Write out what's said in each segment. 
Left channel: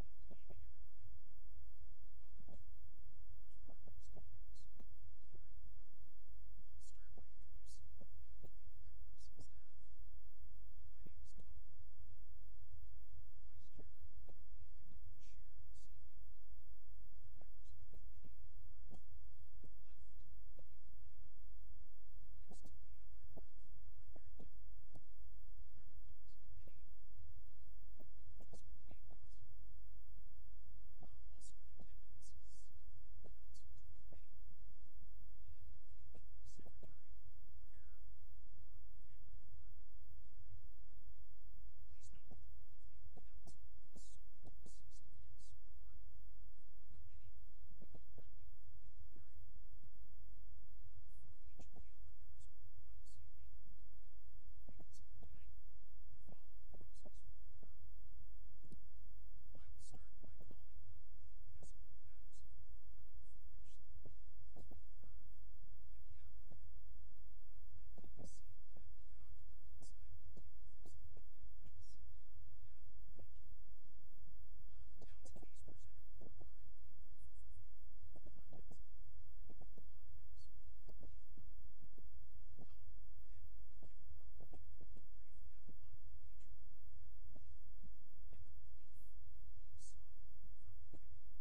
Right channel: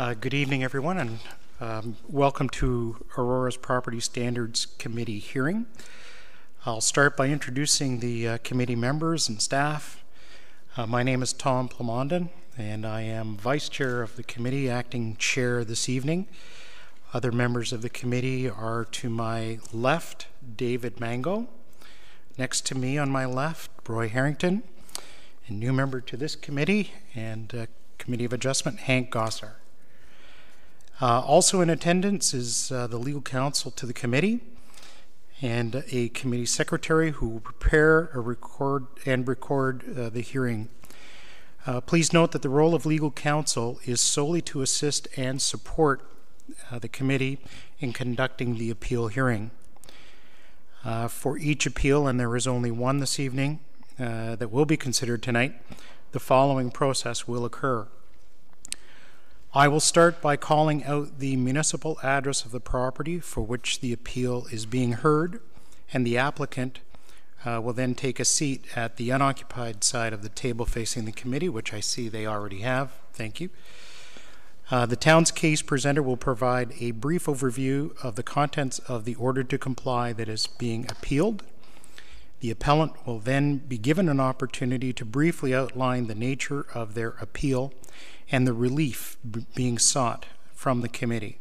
Good evening, everyone, and welcome to Aurora's Property Standards Committee hearing. I'll start by introducing the committee members and staff. My name is Tom Plamondon, and I am Vice Chair of the committee, acting Chair this evening. Other members of the committee are to my left, David Mango. Next to me on my left, Roy Harrington. And new member to this committee and Committee of Adjustment, Hank Gossar. Also in attendance is the legal counsel to the committee and a committee secretary who will prepare, record the hearing. Please note that the role of legal counsel is solely to assist and support the committee in conducting the appeal hearing. For each appeal, and there is only one this evening that will be considered tonight, the following process will occur. I will start by calling out the municipal address of the property for which the appeal is being heard, and the applicant will then take a seat at the unoccupied side of the table facing the committee, which I see they already have. Thank you. The town's case presenter will provide a brief overview of the contents of the order to comply that is being appealed. The appellant will then be given an opportunity to briefly outline the nature of their appeal and the relief being sought from the committee.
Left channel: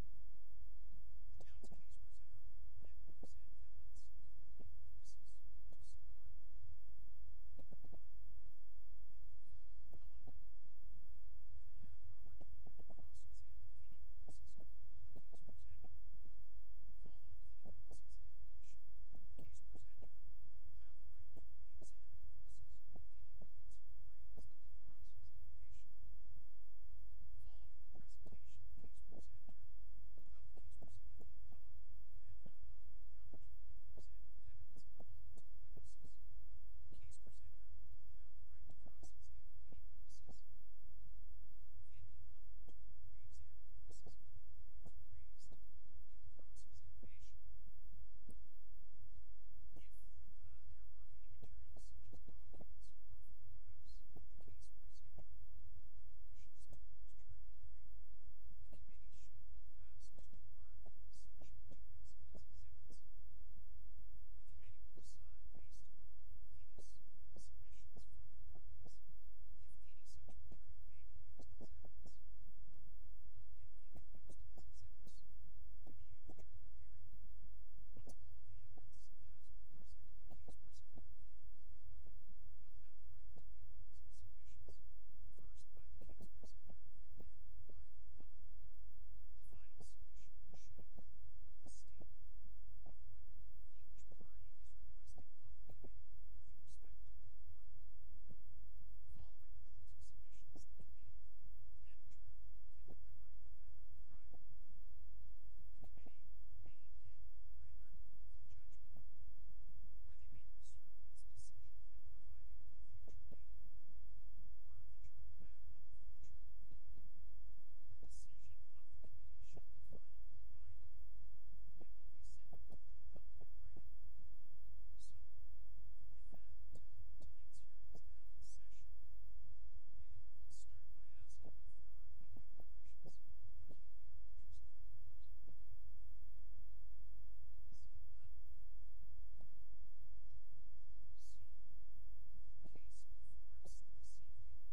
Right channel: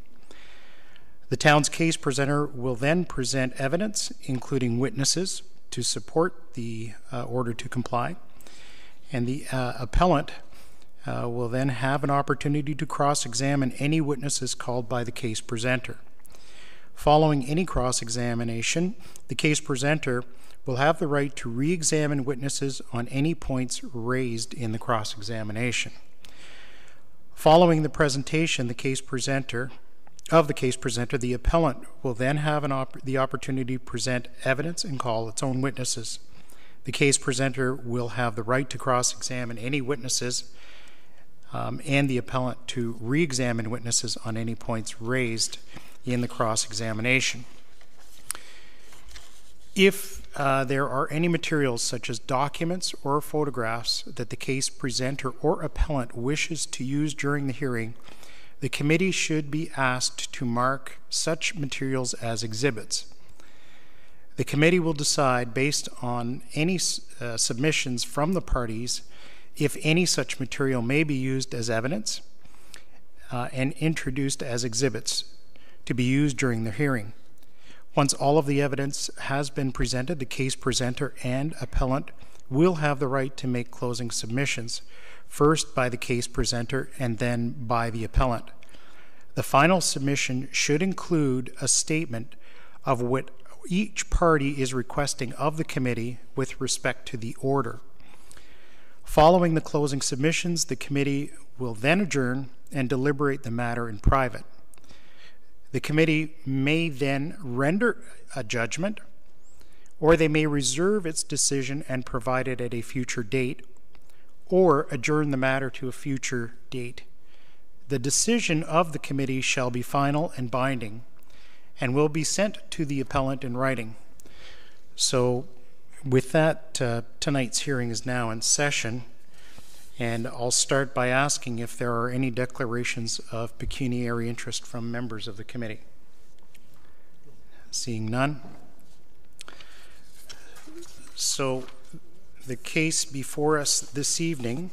The town's case presenter will then present evidence, including witnesses, to support the order to comply, and the appellant will then have an opportunity to cross-examine any witnesses called by the case presenter. Following any cross-examination, the case presenter will have the right to re-examine witnesses on any points raised in the cross-examination. Following the presentation, the case presenter, the appellant will then have the opportunity to present evidence and call its own witnesses. The case presenter will have the right to cross-examine any witnesses and the appellant to re-examine witnesses on any points raised in the cross-examination. If there are any materials such as documents or photographs that the case presenter or appellant wishes to use during the hearing, the committee should be asked to mark such materials as exhibits. The committee will decide, based on any submissions from the parties, if any such material may be used as evidence and introduced as exhibits to be used during the hearing. Once all of the evidence has been presented, the case presenter and appellant will have the right to make closing submissions, first by the case presenter and then by the appellant. The final submission should include a statement of what each party is requesting of the committee with respect to the order. Following the closing submissions, the committee will then adjourn and deliberate the matter in private. The committee may then render a judgment, or they may reserve its decision and provide it at a future date, or adjourn the matter to a future date. The decision of the committee shall be final and binding and will be sent to the appellant in writing. So with that, tonight's hearing is now in session, and I'll start by asking if there are any declarations of pecuniary interest from members of the committee. Seeing none. So the case before us this evening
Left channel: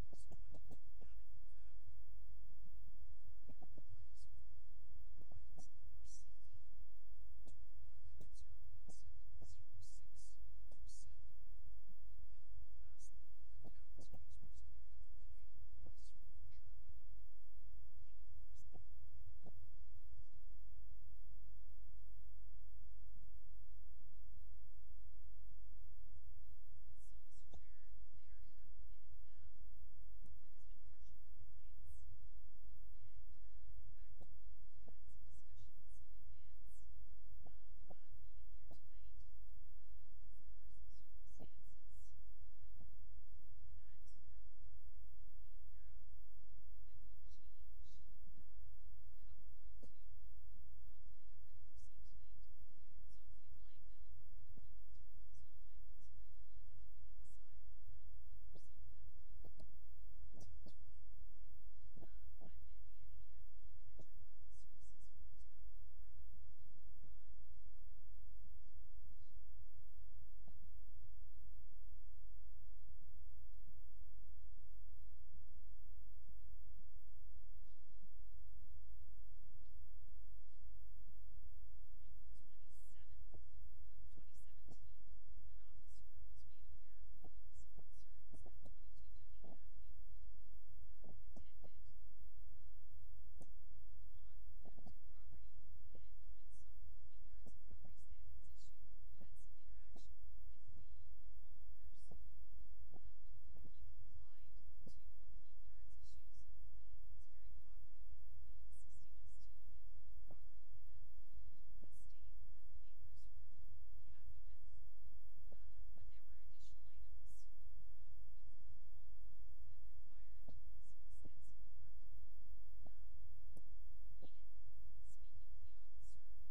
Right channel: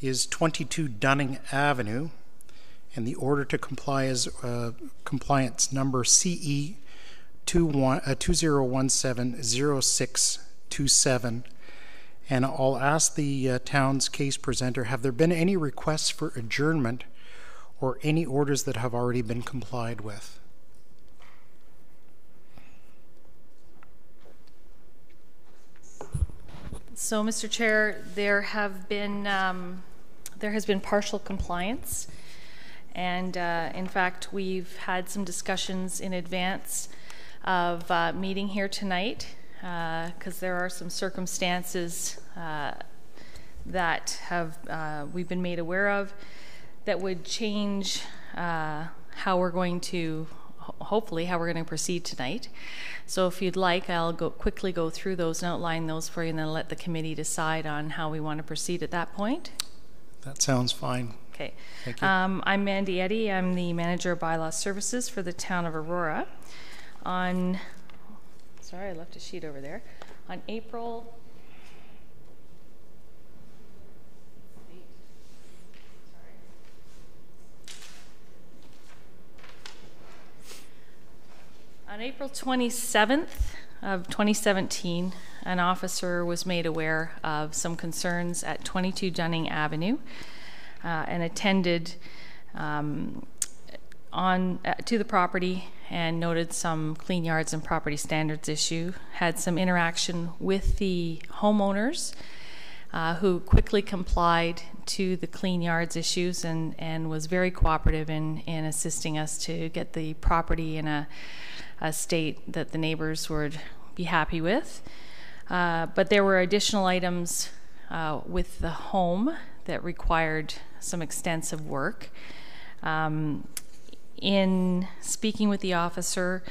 is 22 Dunning Avenue, and the order to comply is compliance number CE 2017-0627. And I'll ask the town's case presenter, have there been any requests for adjournment or any orders that have already been complied with? So, Mr. Chair, there has been partial compliance, and in fact, we've had some discussions in advance of meeting here tonight, because there are some circumstances that we've been made aware of that would change how we're going to, hopefully, how we're going to proceed tonight. So if you'd like, I'll quickly go through those and outline those for you, and then let the committee decide on how we want to proceed at that point. That sounds fine. Okay. Thank you. I'm Mandy Eddy. I'm the Manager of Bylaw Services for the Town of Aurora. Sorry, I left a sheet over there. On April 27th of 2017, an officer was made aware of some concerns at 22 Dunning Avenue and attended to the property and noted some clean yards and property standards issue, had some interaction with the homeowners who quickly complied to the clean yards issues and was very cooperative in assisting us to get the property in a state that the neighbors would be happy with. But there were additional items with the home that required some extensive work. In speaking with the officer,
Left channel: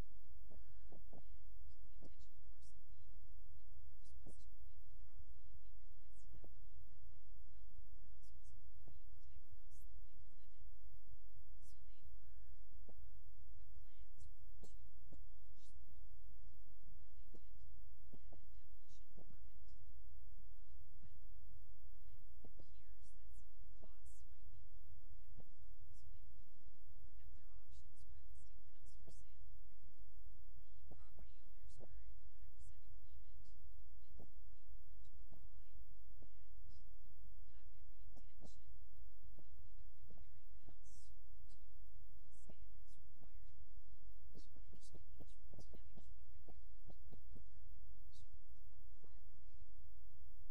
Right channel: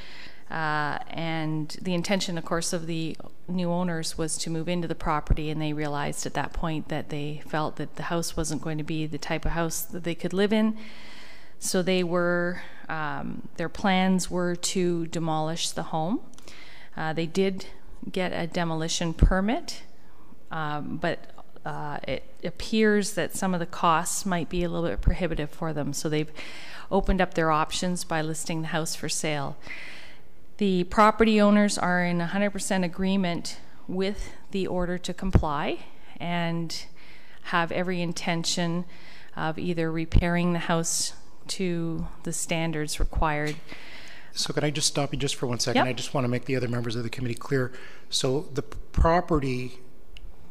and the intention, of course, of the new owners was to move into the property, and they realized at that point that they felt that the house wasn't going to be the type of house that they could live in. So they were, their plans were to demolish the home. They did get a demolition permit, but it appears that some of the costs might be a little bit prohibitive for them. So they've opened up their options by listing the house for sale. The property owners are in 100% agreement with the order to comply and have every intention of either repairing the house to the standards required. So can I just stop you just for 1 second? Yep. I just want to make the other members of the committee clear. So the property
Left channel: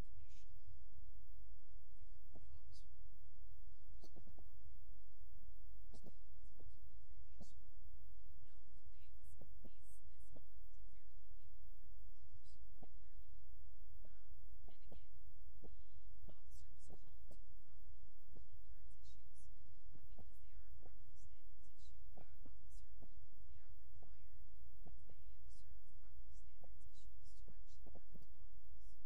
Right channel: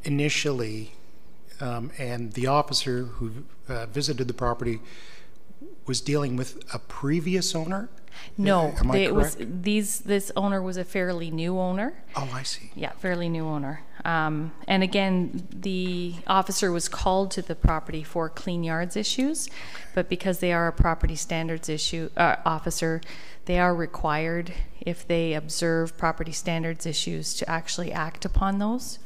initially, and the officer who visited the property was dealing with a previous owner? No, Am I it correct? this owner was a fairly new owner. Oh, I see. Yeah, fairly new owner. And again, the officer was called to the property for clean yards issues, but because they are a property standards officer, they are required, if they observe property standards issues, to actually act upon those.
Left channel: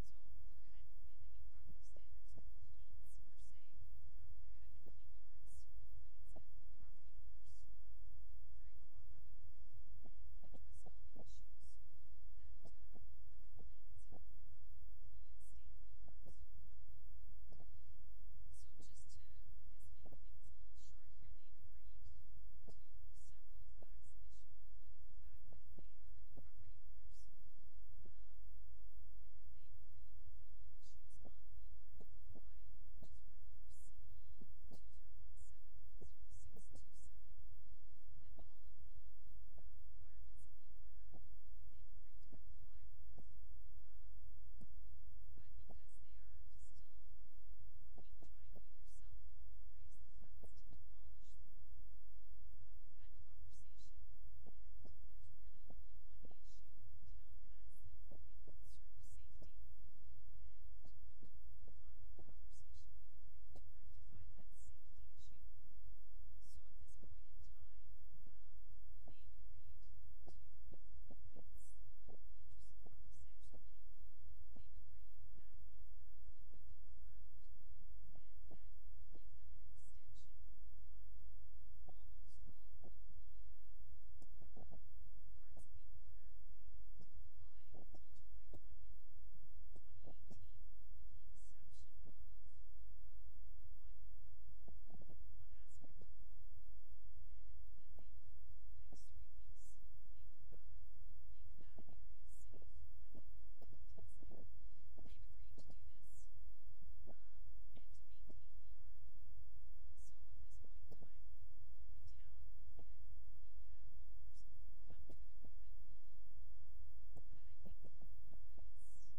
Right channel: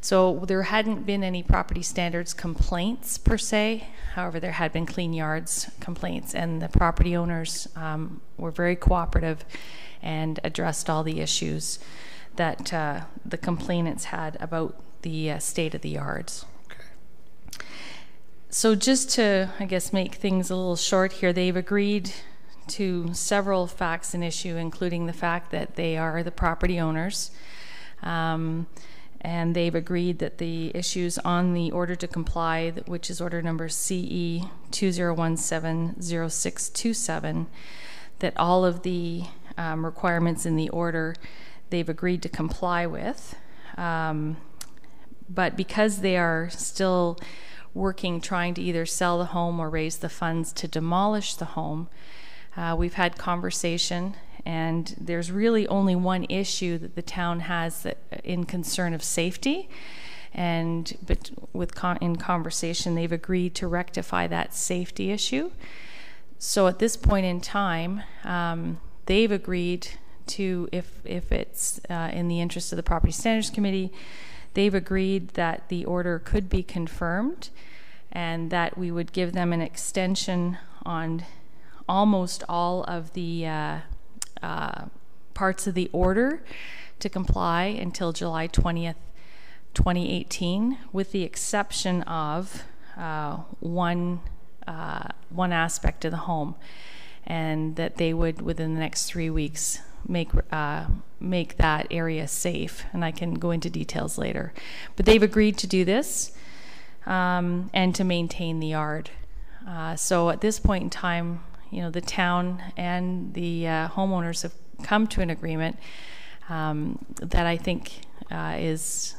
So there hadn't been any property standards complaints per se. However, there had been clean yards complaints, and the property owners were very cooperative and addressed all the issues that the complainants had about the state of the yards. Okay. So just to, I guess, make things a little short here, they've agreed to several facts and issue, including the fact that they are the property owners. And they've agreed that the issues on the order to comply, which is order number CE 20170627, that all of the requirements in the order they've agreed to comply with. But because they are still working, trying to either sell the home or raise the funds to demolish the home, we've had conversation, and there's really only one issue that the town has that, in concern of safety, but in conversation they've agreed to rectify that safety issue. So at this point in time, they've agreed to, if it's in the interest of the Property Standards Committee, they've agreed that the order could be confirmed and that we would give them an extension on almost all of the parts of the order to comply until July 20th, 2018, with the exception of one aspect of the home, and that they would, within the next 3 weeks, make that area safe. And I can go into details later. But they've agreed to do this and to maintain the yard. So at this point in time, you know, the town and the homeowners have come to an agreement that I think is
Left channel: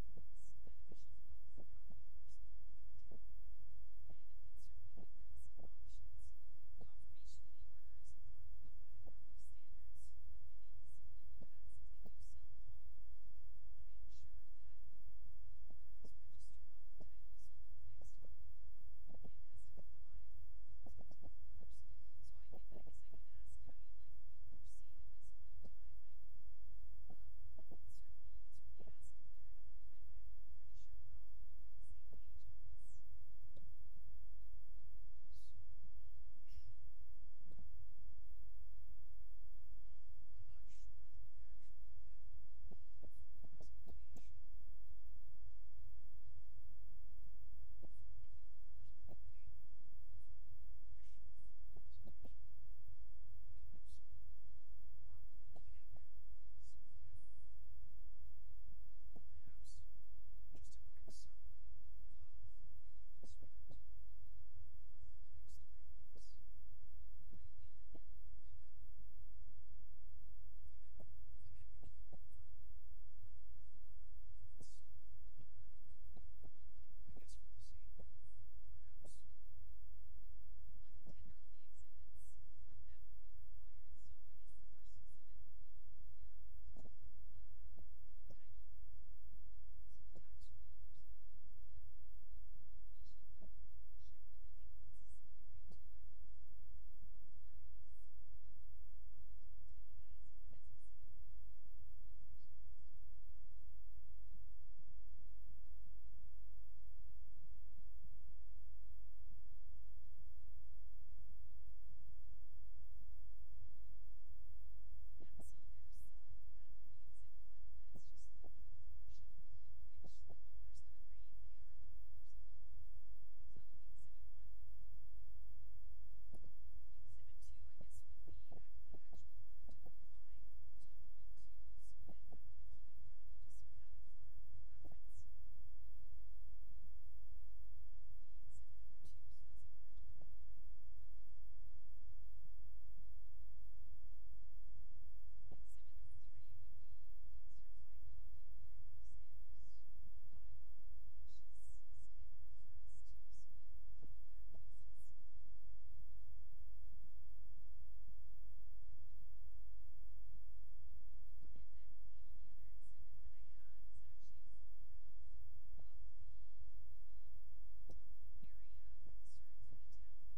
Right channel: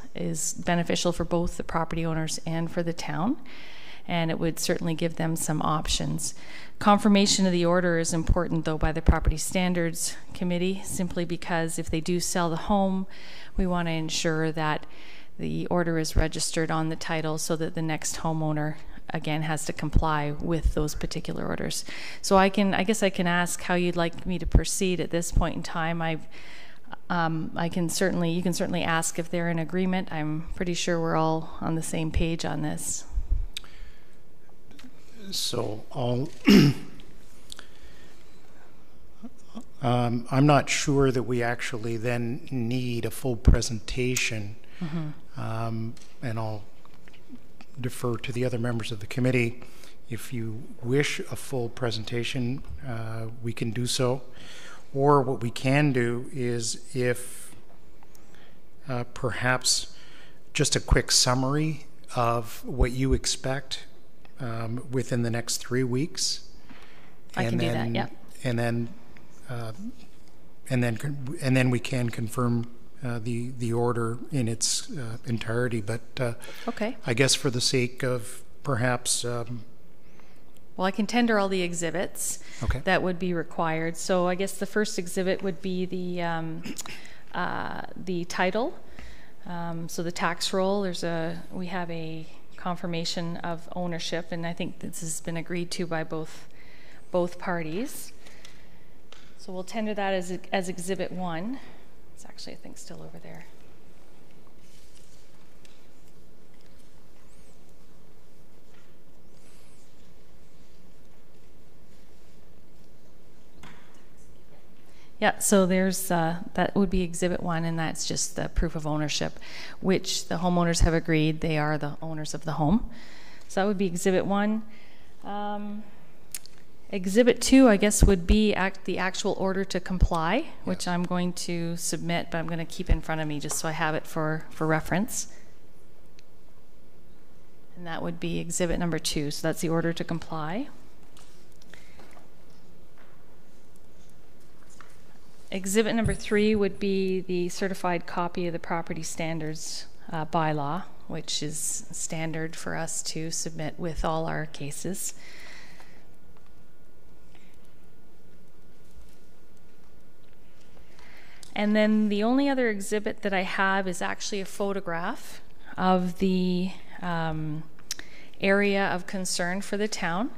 beneficial for both the property owners and for the town, and it would certainly give them some options. Confirmation of the order is important, though, by the Property Standards Committee, simply because if they do sell the home, we want to ensure that the order is registered on the title so that the next homeowner again has to comply with those particular orders. So I guess I can ask how you'd like me to proceed at this point in time. you can certainly ask if they're in agreement. I'm pretty sure we're all on the same page on this. So I'm not sure that we actually then need a full presentation. And I'll defer to the other members of the committee. If you wish a full presentation, we can do so. Or what we can do is, if perhaps just a quick summary of what you expect within the next 3 weeks. I can do that, yeah. And then we can confirm the order in its entirety. But Okay. I guess for the sake of perhaps Well, I can tender all the exhibits okay. that would be required. So I guess the first exhibit would be the title. So the tax roll. We have a confirmation of ownership, and I think this has been agreed to by both parties. So we'll tender that as Exhibit 1. It's actually, I think, still over there. Yeah, so there's that would be Exhibit 1, and that's just the proof of ownership, which the homeowners have agreed they are the owners of the home. So that would be Exhibit 1. Exhibit 2, I guess, would be the actual order to comply, which I'm going to submit, but I'm going to keep in front of me just so I have it for reference. And that would be Exhibit number 2. So that's the order to comply. Exhibit number 3 would be the certified copy of the property standards bylaw, which is standard for us to submit with all our cases. And then the only other exhibit that I have is actually a photograph of the area of concern for the town.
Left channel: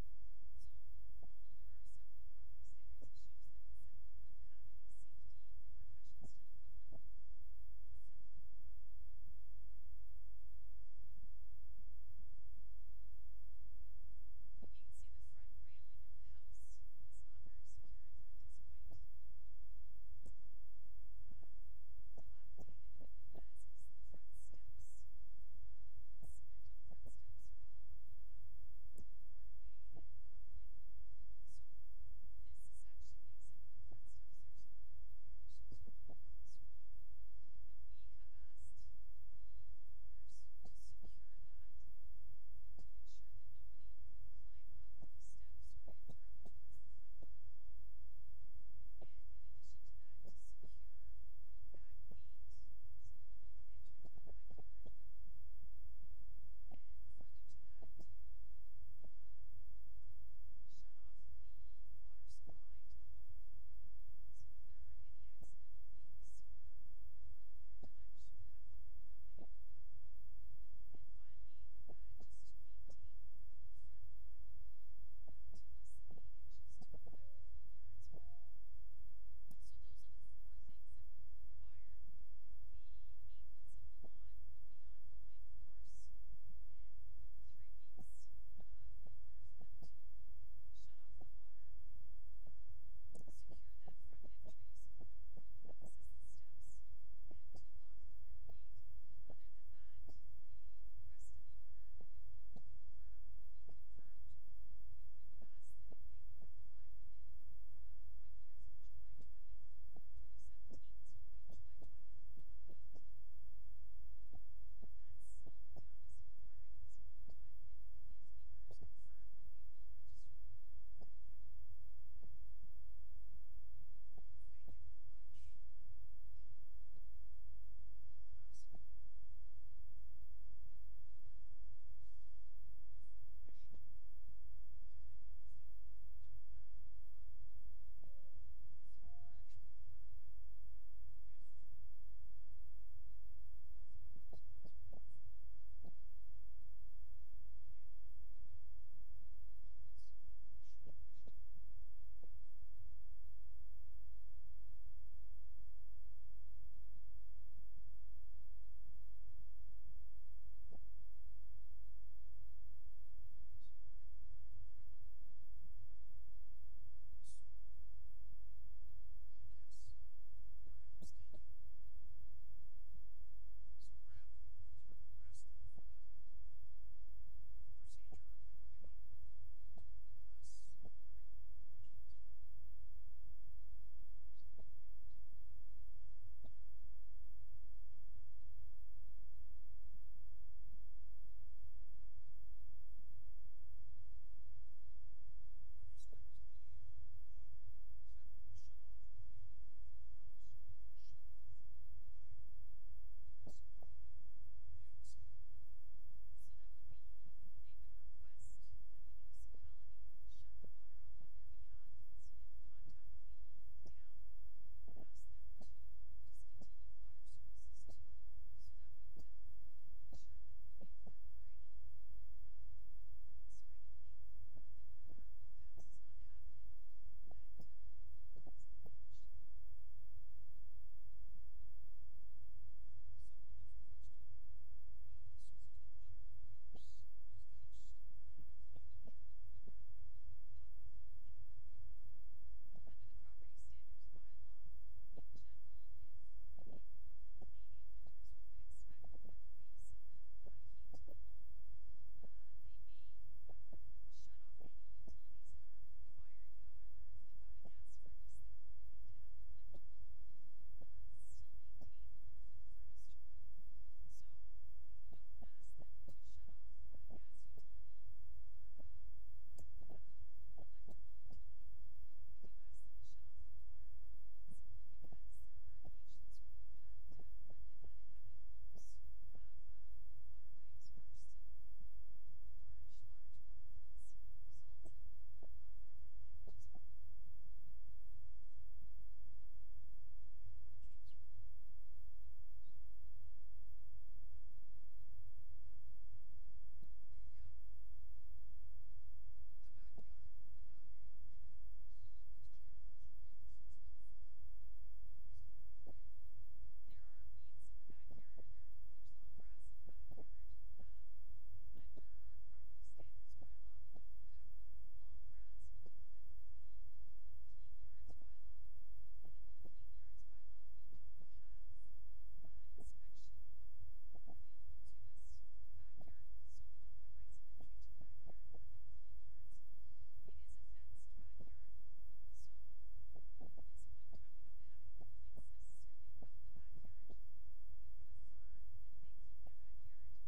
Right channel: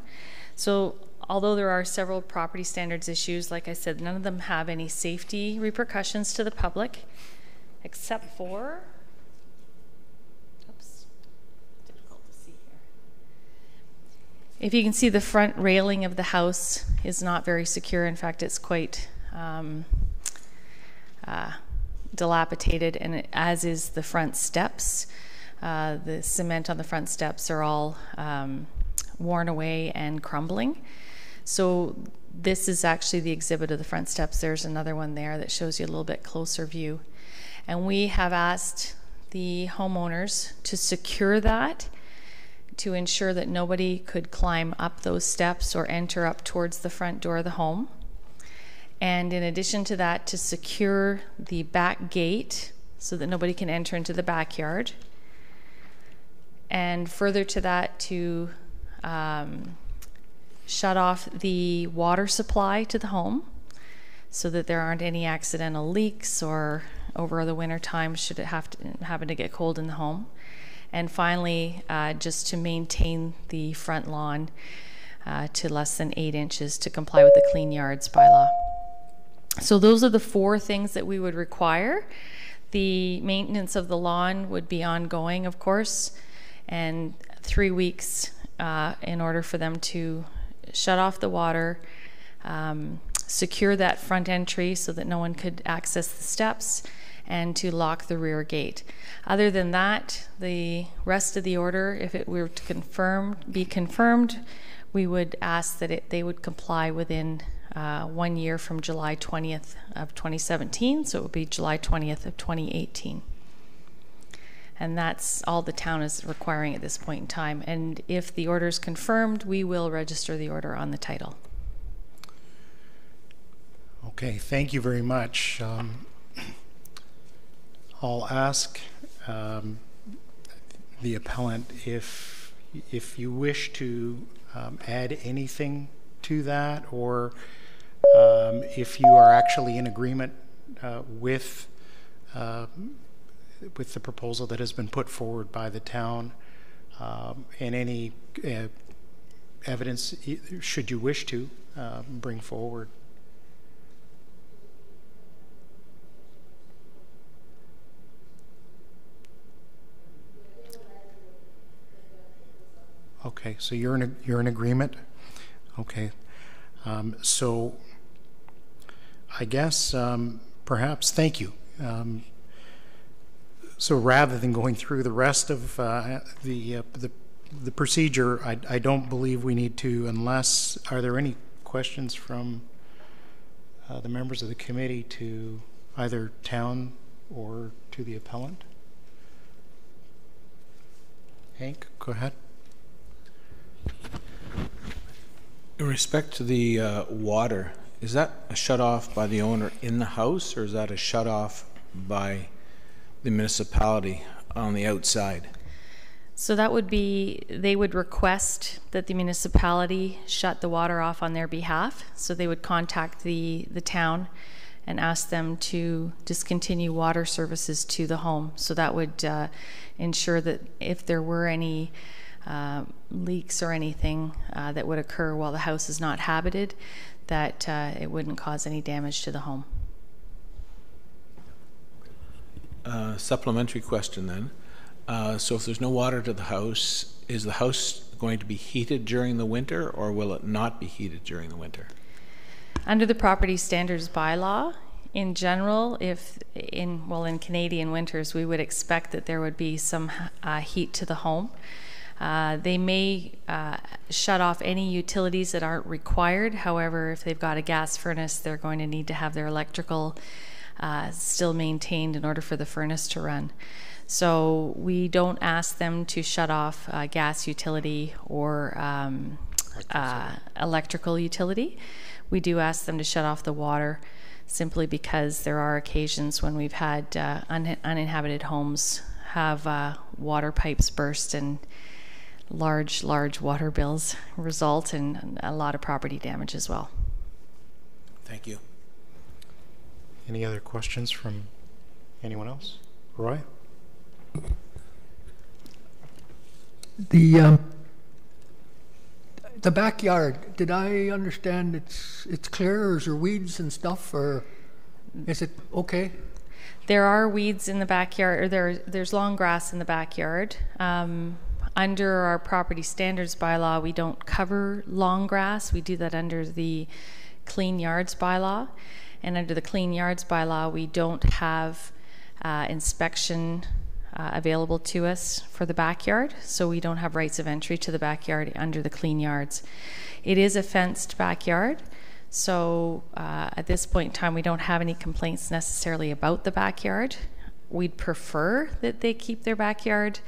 So although there are several property standards issues, like I said, none of them have any safety repercussions to the public, except for, oops, difficult to see here. If you can see, the front railing of the house is not very secure. In fact, it's quite dilapidated, and as is the front steps. The cement on the front steps are all worn away and crumbling. So this is actually the exhibit of the front steps. There's another one there that shows you a little bit closer view. And we have asked the homeowners to secure that, to ensure that nobody could climb up those steps or enter up towards the front door of the home. And in addition to that, to secure the back gate so that nobody can enter into the backyard. And further to that, to shut off the water supply to the home so that there aren't any accidental leaks or over the winter time should it happen to get cold in the home. And finally, just to maintain the front lawn to less than 8 inches to comply with the Clean Yards bylaw. So those are the 4 things that we would require. The maintenance of the lawn would be ongoing, of course, and 3 weeks in order for them to shut off the water, secure that front entry so that no one could access the steps, and to lock the rear gate. Other than that, the rest of the order, if it were to be confirmed, we would ask that they would comply within 1 year from July 20th of 2017, so it would be July 20th of 2018. And that's all the town is requiring at this point in time. And if the order is confirmed, we will register the order on the title. Okay, thank you very much. I'll ask the appellant if you wish to add anything to that, or if you are actually in agreement with the proposal that has been put forward by the town, and any evidence, should you wish to, bring forward. Okay. Okay, so you're in agreement? Okay. So I guess perhaps, thank you. So rather than going through the rest of the procedure, I don't believe we need to, unless, are there any questions from the members of the committee to either town or to the appellant? Hank, go ahead. In respect to the water, is that a shut-off by the owner in the house, or is that a shut-off by the municipality on the outside? So that would be, they would request that the municipality shut the water off on their behalf. So they would contact the town and ask them to discontinue water services to the home. So that would ensure that if there were any leaks or anything that would occur while the house is not habited, that it wouldn't cause any damage to the home. Supplementary question then. So if there's no water to the house, is the house going to be heated during the winter, or will it not be heated during the winter? Under the property standards bylaw, in general, in Canadian winters, we would expect that there would be some heat to the home. They may shut off any utilities that aren't required. However, if they've got a gas furnace, they're going to need to have their electrical still maintained in order for the furnace to run. So we don't ask them to shut off gas utility or electrical utility. We do ask them to shut off the water, simply because there are occasions when we've had uninhabited homes have water pipes burst and large water bills result, and a lot of property damage as well. Thank you. Any other questions from anyone else? Roy? The backyard, did I understand it's clear, or is there weeds and stuff, or is it okay? There are weeds in the backyard, or there's long grass in the backyard. Under our property standards bylaw, we don't cover long grass. We do that under the Clean Yards bylaw. And under the Clean Yards bylaw, we don't have inspection available to us for the backyard, so we don't have rights of entry to the backyard under the Clean Yards. It is a fenced backyard, so at this point in time we don't have any complaints necessarily about the backyard. We'd prefer that they keep their backyard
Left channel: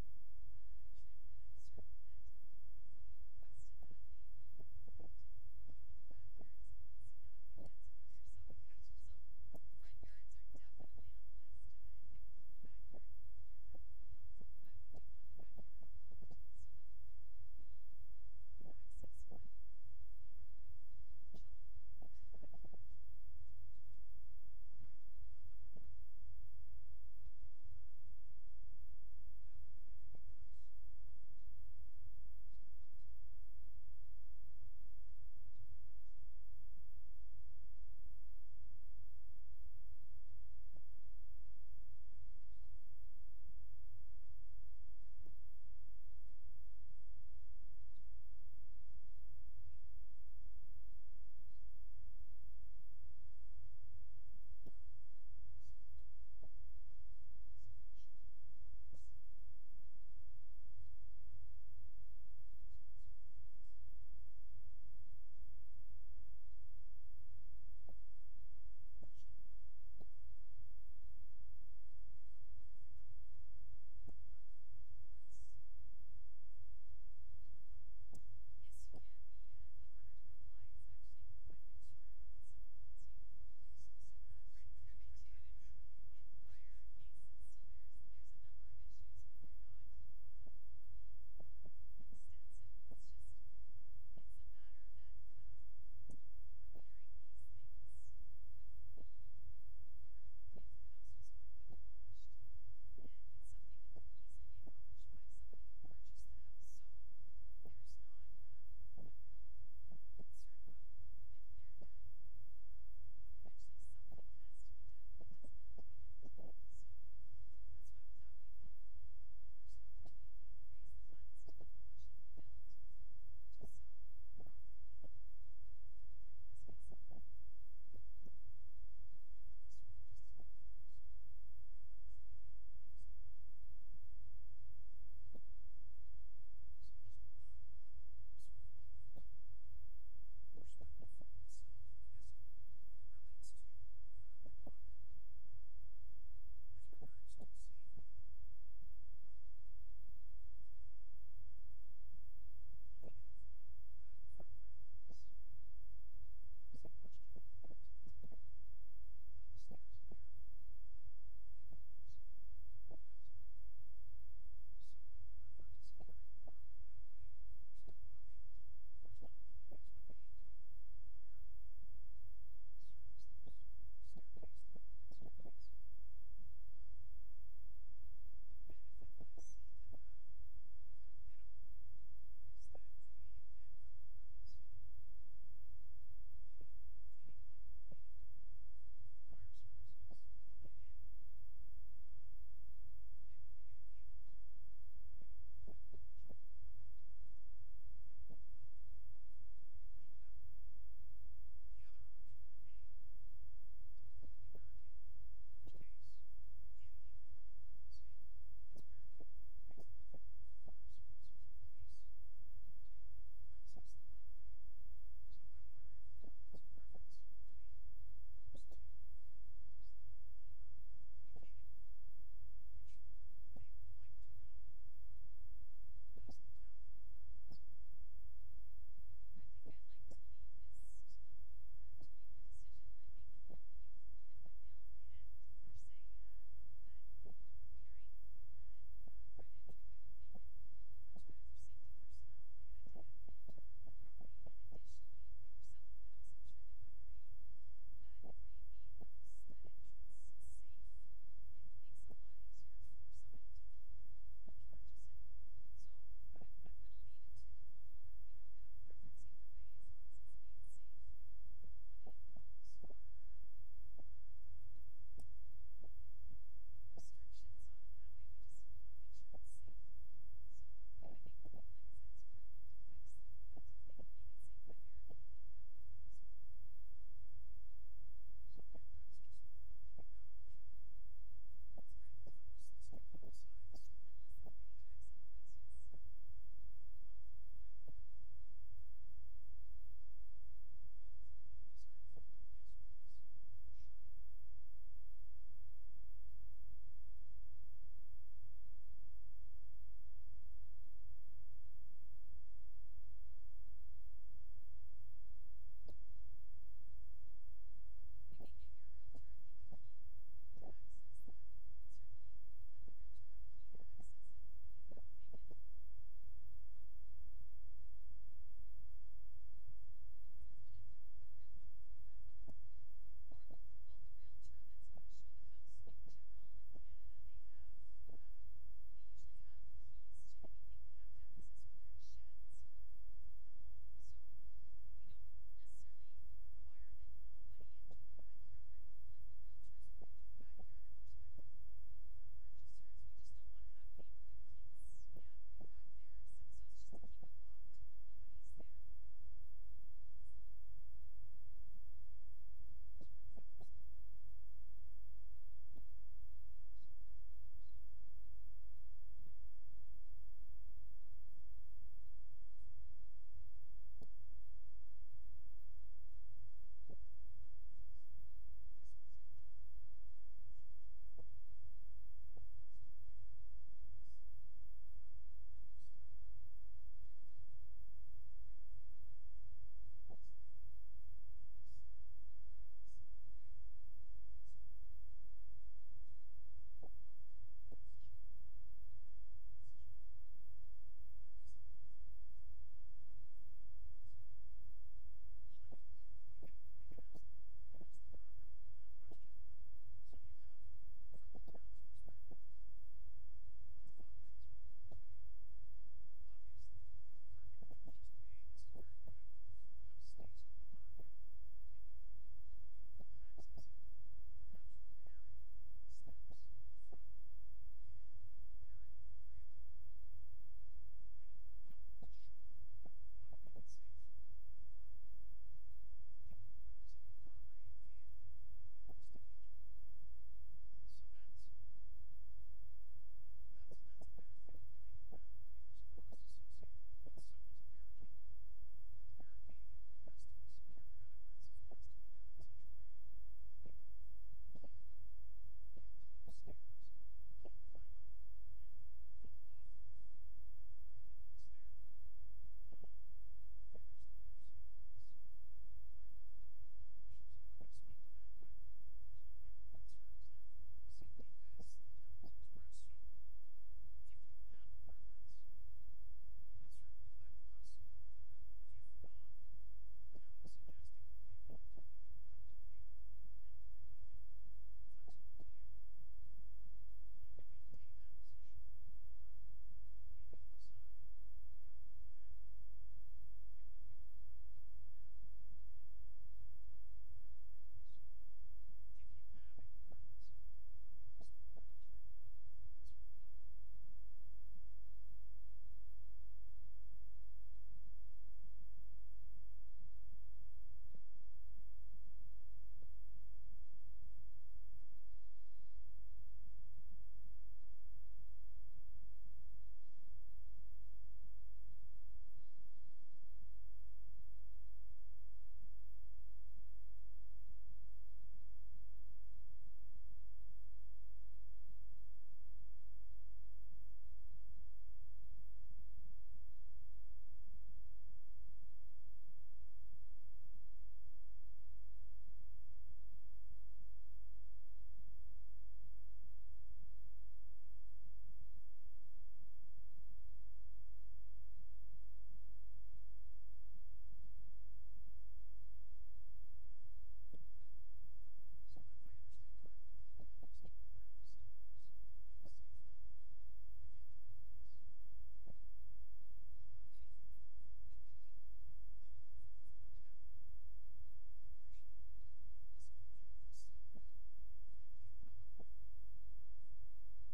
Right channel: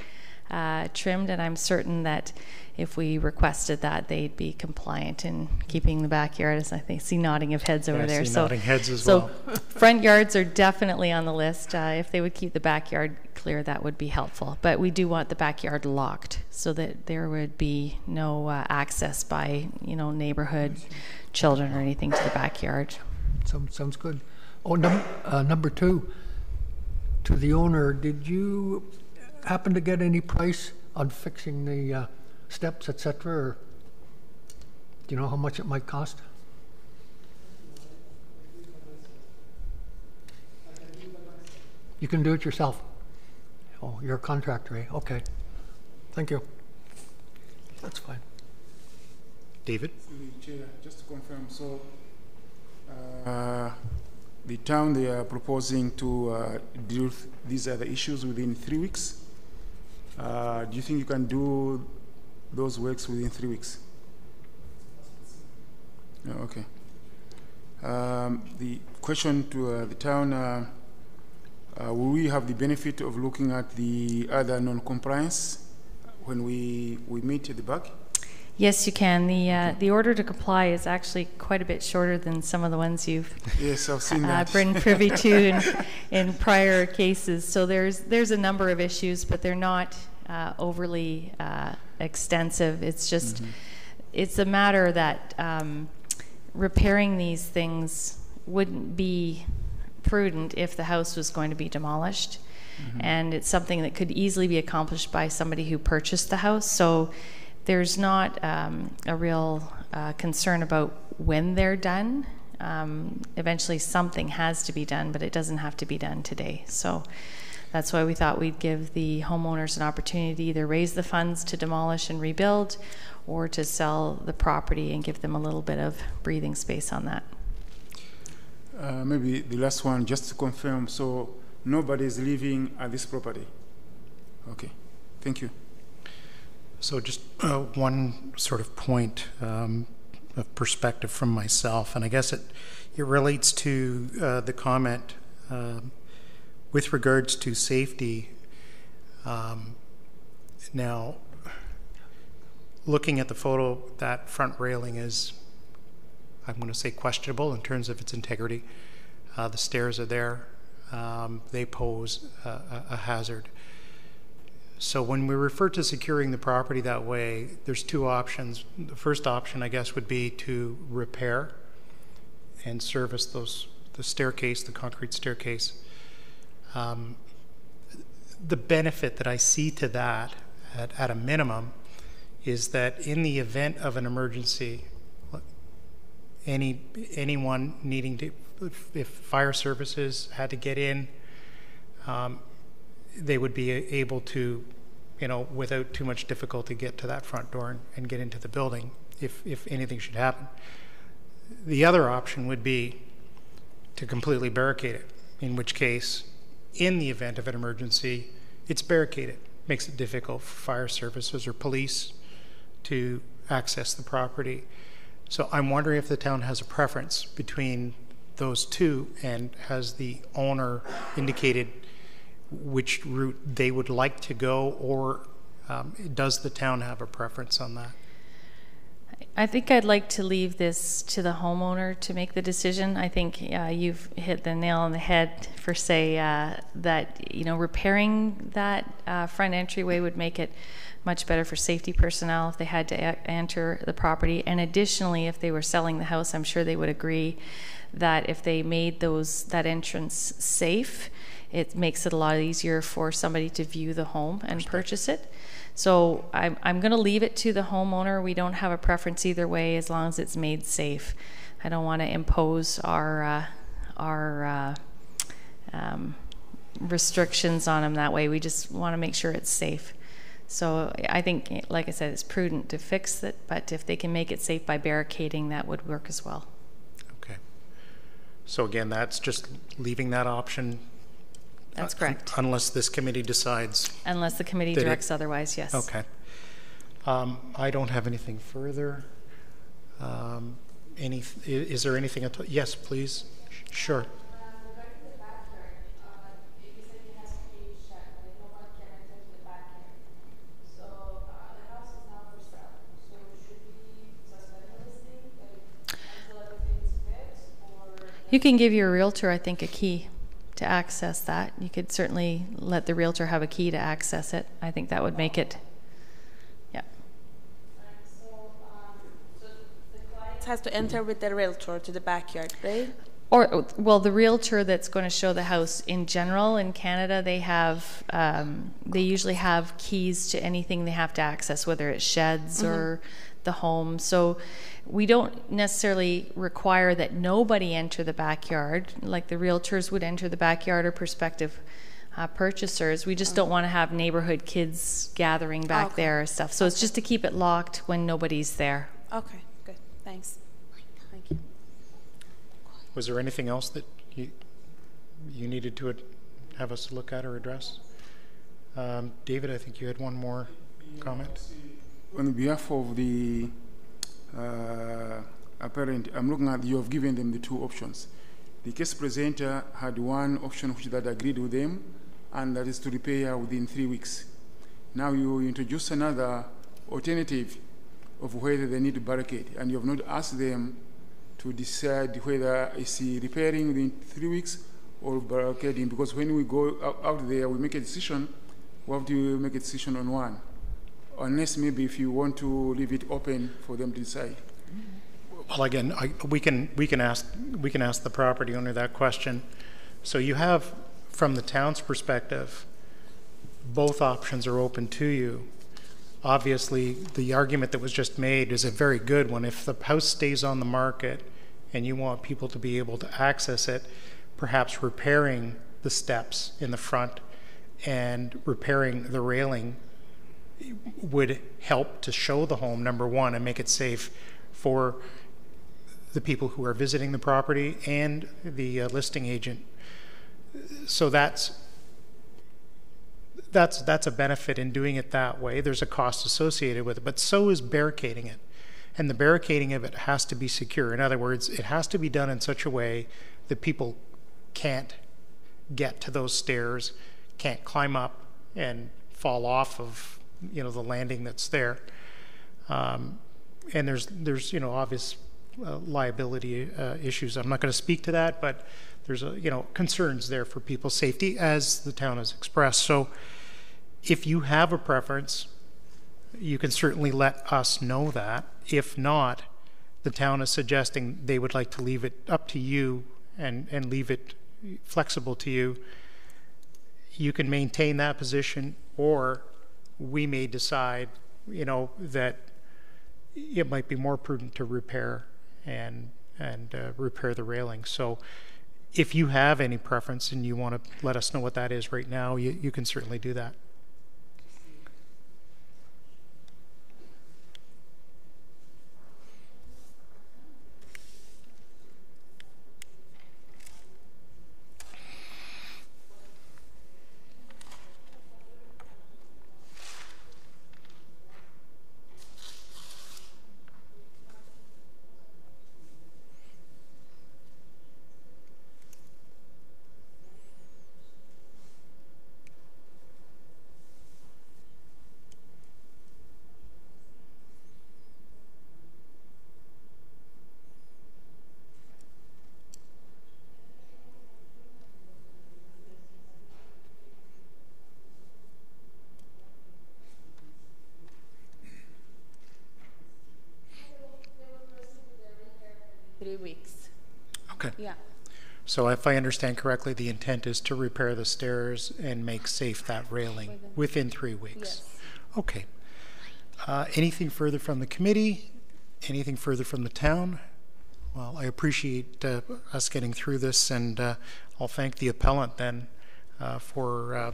trimmed, and I'm certain that if we requested that, they'd be compliant in keeping the backyard, as I think see nodding of heads over there. So nodding heads as well. Front yards are definitely on the list. If they would keep the backyard clear, that would be helpful. But we do want the backyard locked so that there would be no access by neighborhood children or anything to the backyard. Sounds good. Oh, number two, to the owner, did you happen to get any price on fixing the steps, etc., or do you know how much it might cost? You can do it yourself. Oh, you're a contractor, eh? Okay. Thank you. That's fine. David? Chair, just to confirm, so the town, they are proposing to deal with these other issues within 3 weeks. Do you think you can do those works within 3 weeks? No, okay. The question to the town, will we have the benefit of looking at the other non-compliance when we meet at the back? Yes, you can. The order to comply is actually quite a bit shorter than some of the ones you've Yes, I've seen that. been privy to in prior cases. So there's a number of issues, but they're not overly extensive. It's just it's a matter that repairing these things wouldn't be prudent if the house was going to be demolished, and it's something that could easily be accomplished by somebody who purchased the house. So there's not a real concern about when they're done. Eventually something has to be done, but it doesn't have to be done today. So That's why we thought we'd give the homeowners an opportunity to either raise the funds to demolish and rebuild, or to sell the property and give them a little bit of breathing space on that. Maybe the last one, just to confirm, so nobody is living at this property? Okay, thank you. So just one sort of point of perspective from myself, and I guess it relates to the comment with regards to safety. Now, looking at the photo, that front railing is, I'm going to say, questionable in terms of its integrity. The stairs are there. They pose a hazard. So when we refer to securing the property that way, there's two options. The first option, I guess, would be to repair and service the staircase, the concrete staircase. The benefit that I see to that, at a minimum, is that in the event of an emergency, anyone needing to, if fire services had to get in, they would be able to, without too much difficulty, get to that front door and get into the building if anything should happen. The other option would be to completely barricade it, in which case, in the event of an emergency, it's barricaded. Makes it difficult for fire services or police to access the property. So I'm wondering if the town has a preference between those two, and has the owner indicated which route they would like to go, or does the town have a preference on that? I think I'd like to leave this to the homeowner to make the decision. I think you've hit the nail on the head for say that repairing that front entryway would make it much better for safety personnel if they had to enter the property. And additionally, if they were selling the house, I'm sure they would agree that if they made that entrance safe, it makes it a lot easier for somebody to view the home and purchase it. So I'm going to leave it to the homeowner. We don't have a preference either way, as long as it's made safe. I don't want to impose our restrictions on them that way. We just want to make sure it's safe. So I think, like I said, it's prudent to fix it, but if they can make it safe by barricading, that would work as well. Okay. So again, that's just leaving that option. That's correct. Unless this committee decides. Unless the committee directs otherwise, yes. Okay. I don't have anything further. Is there anything? Yes, please. Sure. You can give your realtor, I think, a key to access that. You could certainly let the realtor have a key to access it. I think that would make it, yeah. So the client has to enter with the realtor to the backyard, right? Or, well, the realtor that's going to show the house in general in Canada, they have, they usually have keys to anything they have to access, whether it's sheds or the home. So we don't necessarily require that nobody enter the backyard, like the realtors would enter the backyard or prospective purchasers. We just don't want to have neighborhood kids gathering back there or stuff. So it's just to keep it locked when nobody's there. Okay, good. Thanks. Thank you. Was there anything else that you needed to have us look at or address? David, I think you had one more comment. On behalf of the apparent, I'm looking at, you have given them the two options. The case presenter had one option which that agreed with them, and that is to repair within 3 weeks. Now you introduce another alternative of whether they need to barricade, and you have not asked them to decide whether it's repairing within 3 weeks or barricading, because when we go out there, we make a decision, we have to make a decision on one. Unless maybe if you want to leave it open for them to decide. Well, again, we can ask the property owner that question. So you have, from the town's perspective, both options are open to you. Obviously, the argument that was just made is a very good one. If the house stays on the market and you want people to be able to access it, perhaps repairing the steps in the front and repairing the railing would help to show the home, number one, and make it safe for the people who are visiting the property and the listing agent. So that's a benefit in doing it that way. There's a cost associated with it, but so is barricading it. And the barricading of it has to be secure. In other words, it has to be done in such a way that people can't get to those stairs, can't climb up and fall off of, you know, the landing that's there. And there's you know, obvious liability issues. I'm not going to speak to that, but there's you know, concerns there for people's safety, as the town has expressed. So if you have a preference, you can certainly let us know that. If not, the town is suggesting they would like to leave it up to you and leave it flexible to you. You can maintain that position, or we may decide, you know, that it might be more prudent to repair and repair the railing. So if you have any preference and you want to let us know what that is right now, you can certainly do that. Okay. Yeah. So if I understand correctly, the intent is to repair the stairs and make safe that railing within 3 weeks. Yes. Okay. Anything further from the committee? Anything further from the town? Well, I appreciate us getting through this, and I'll thank the appellant then for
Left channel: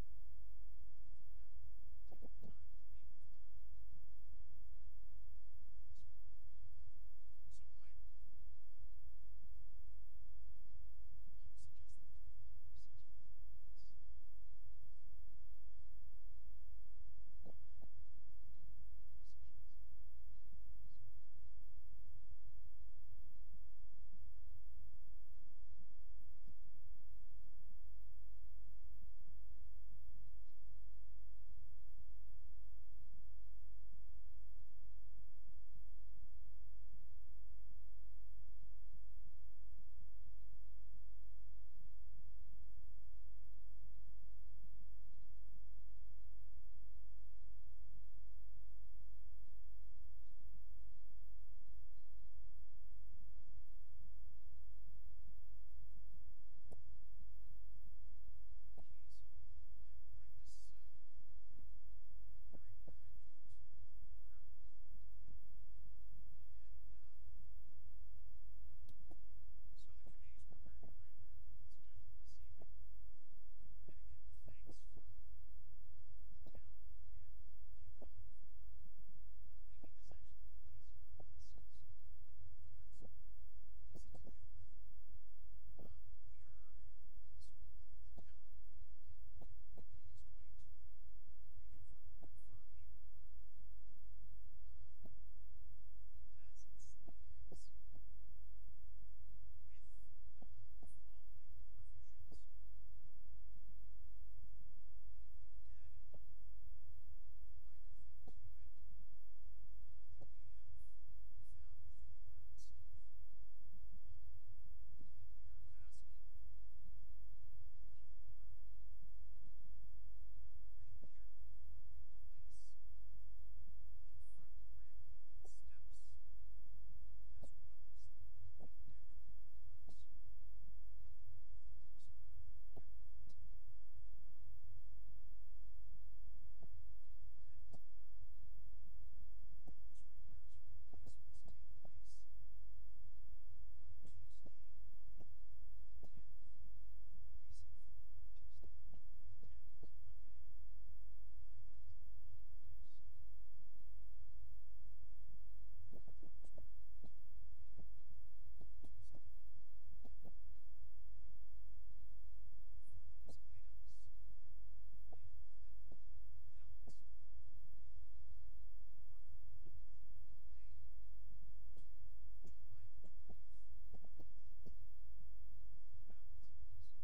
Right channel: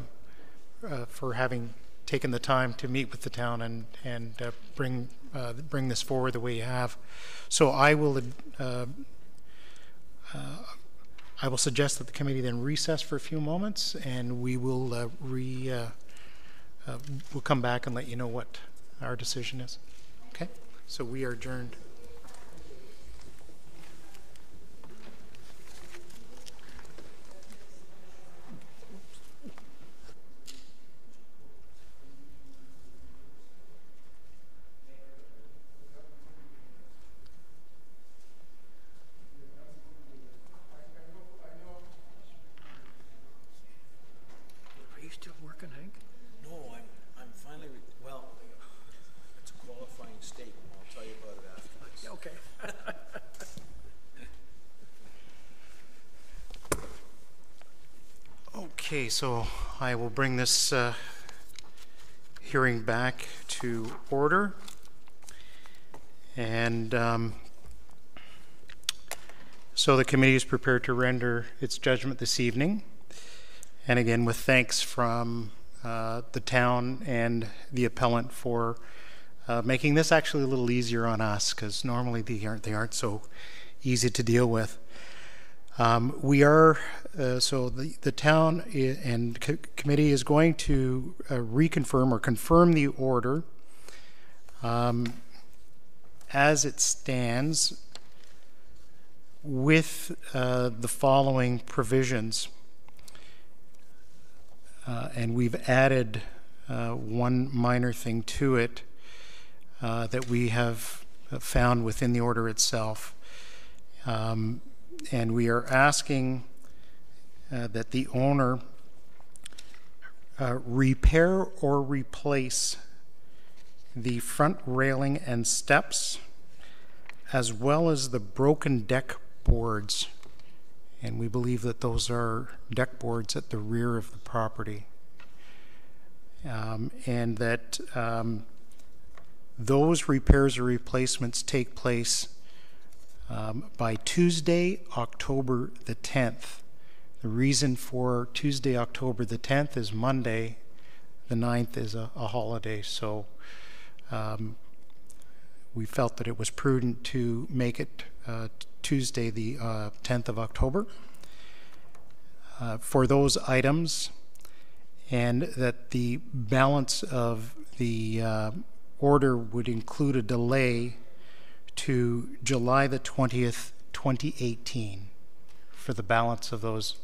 having taken the time to meet with the town and bring this forward the way you have. So I will suggest that the committee then recess for a few moments, and we will we'll come back and let you know what our decision is. Okay? So we are adjourned. Are you still working, Hank? No, I'm finally, well, it's a qualifying statement. I'll tell you about it after this. Okay. Okay, so I will bring this hearing back to order. And so the committee is prepared to render its judgment this evening. And again, with thanks from the town and the appellant for making this actually a little easier on us, because normally they aren't so easy to deal with. We are, so the town and committee is going to reconfirm or confirm the order as it stands with the following provisions. And we've added one minor thing to it that we have found within the order itself. And we are asking that the owner repair or replace the front railing and steps, as well as the broken deck boards. And we believe that those are deck boards at the rear of the property. And that those repairs or replacements take place by Tuesday, October the 10th, The reason for Tuesday, October the 10th is Monday. The 9th is a holiday, so we felt that it was prudent to make it Tuesday, the 10th of October. For those items, and that the balance of the order would include a delay to July the 20th, 2018 for the balance of those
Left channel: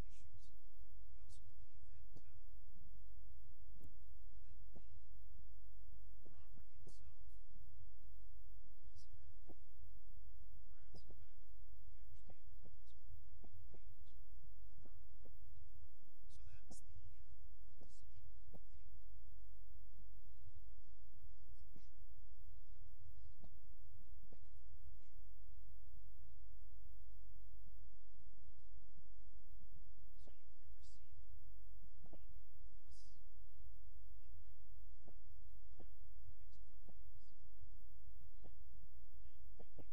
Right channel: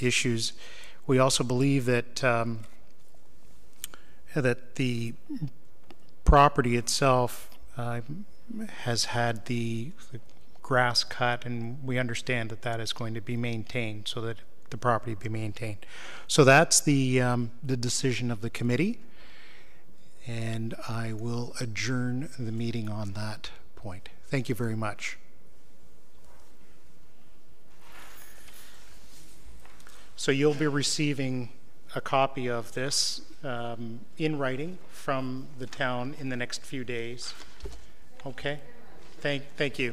issues. We also believe that that the property itself has had the grass cut, and we understand that that is going to be maintained, so that the property be maintained. So that's the decision of the committee, and I will adjourn the meeting on that point. Thank you very much. So you'll be receiving a copy of this in writing from the town in the next few days. Okay? Thank you.